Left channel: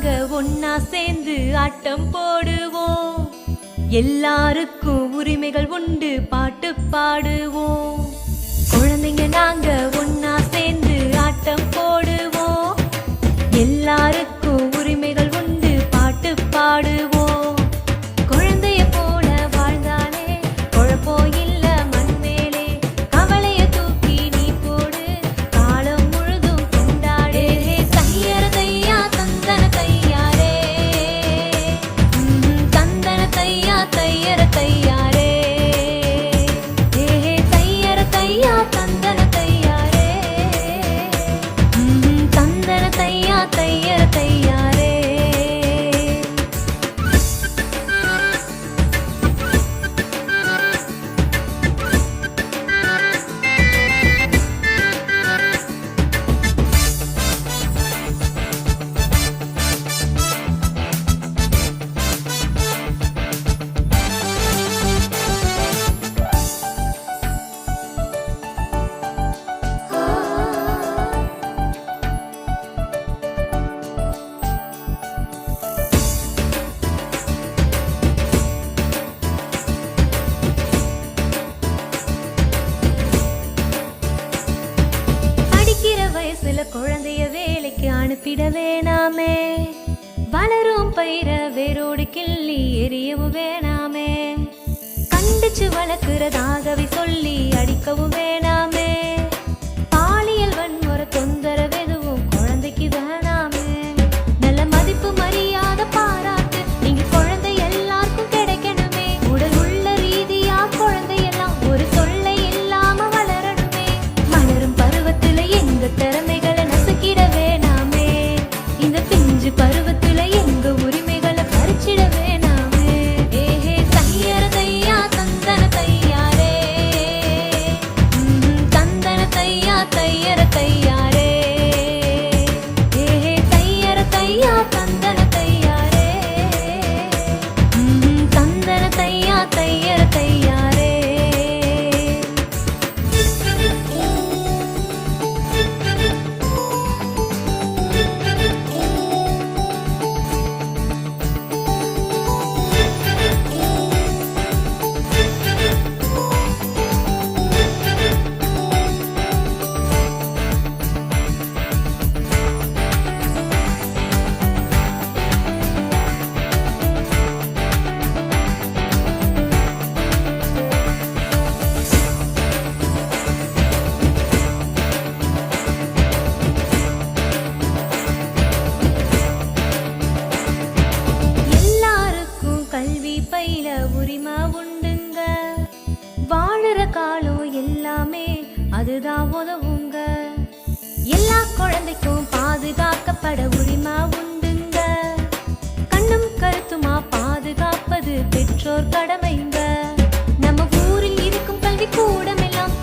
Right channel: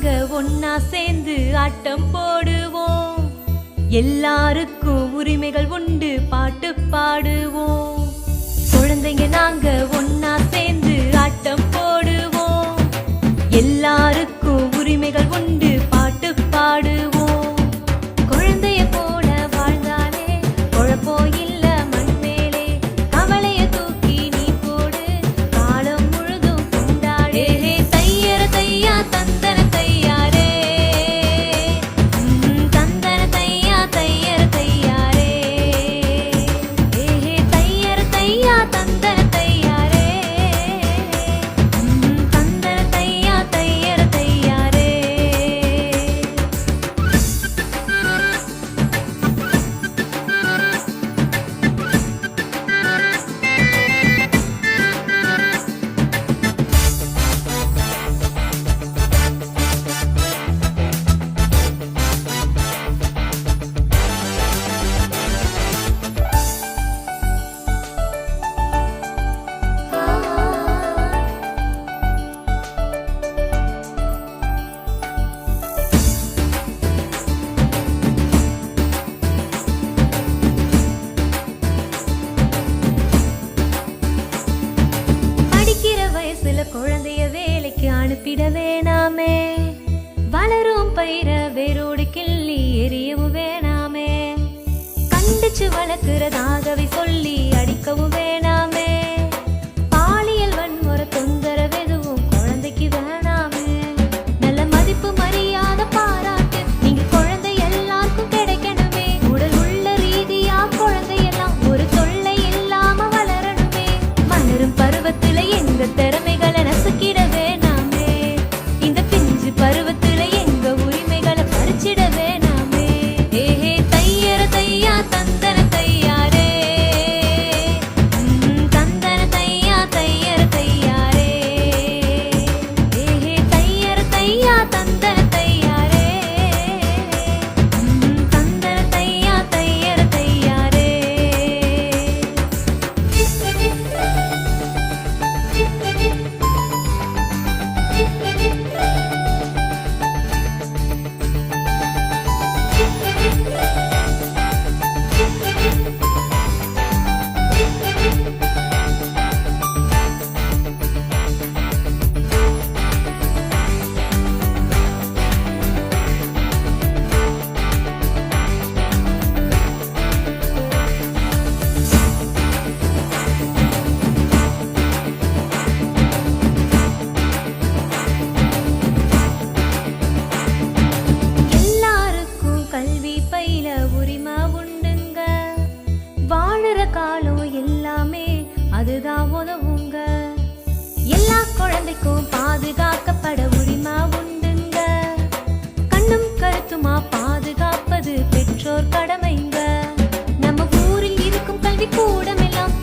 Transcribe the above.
நாங்க ஒன்னா சேர்ந்து ஆட்டம் போடுவோம். எல்லாருக்கும் உரிமைகள் உண்டு, பாட்டு பாடுவோம். குழந்தைங்க நாங்க ஒன்னா சேர்ந்து ஆட்டம் போடுவோம். எல்லாருக்கும் உரிமைகள் உண்டு, பாட்டு பாடுவோம். குழந்தைய போல வாழ்ந்தாலே குழப்பம் இல்ல மண் மேலே. கவலைய தூக்கி நீ போடு, காலம் முழுதும் கொண்டாடே. தையர தையா தந்தன தையாரே, தந்தன தையா தையர தையாரே. தையர தையா தந்தன தையாரே, தந்தன தையா தையர தையாரே. படிக்கிற வயசுல குழந்தைய வேலைக்கு அனுப்பிட வேணாமே. வளரும் பயிர வேரோடு கிள்ளி எரியவும் வேணாமே. கண்டிச்சு வளர்க்கிறதாகவே சொல்லி அடிக்கவும் வேணாமே. பாலியல் வன்முறை தொந்தரவெதுவும் குழந்தைக்கு வேணாமே. நல்ல மதிப்பு மரியாதை பாராட்டு நீங்க குழந்தை எல்லாருக்கும் கிடைக்கணுமே. உடல் உள்ள ரீதியா குழந்தையெல்லாம் ஒரு தொல்லை இல்லாம வளரணுமே. வளரும் பருவத்துல எங்க திறமைகளை நசுக்கிட வேணாமே. இந்த பிஞ்சு பருவத்துல எங்க உரிமைகளை பறிச்சிட வேணாமே. தையர தையா தந்தன தையாரே, தந்தன தையா தையர தையாரே. தையர தையா தந்தன தையாரே, தந்தன தையா தையர தையாரே. எல்லாருக்கும் கல்வி பயில உரிமை உண்டுங்க. வாழுற காலம் எல்லாமே அதுதான் உதவுங்க. எல்லா குழந்தைக்கும் பாதுகாக்கப்பட உரிமை உண்டுங்க. கண்ணும் கருத்துமா பாதுகாப்பது பெற்றோர் கடமைங்க. நம்ம ஊரில் இருக்கும் கல்வி கூடமெல்லாம்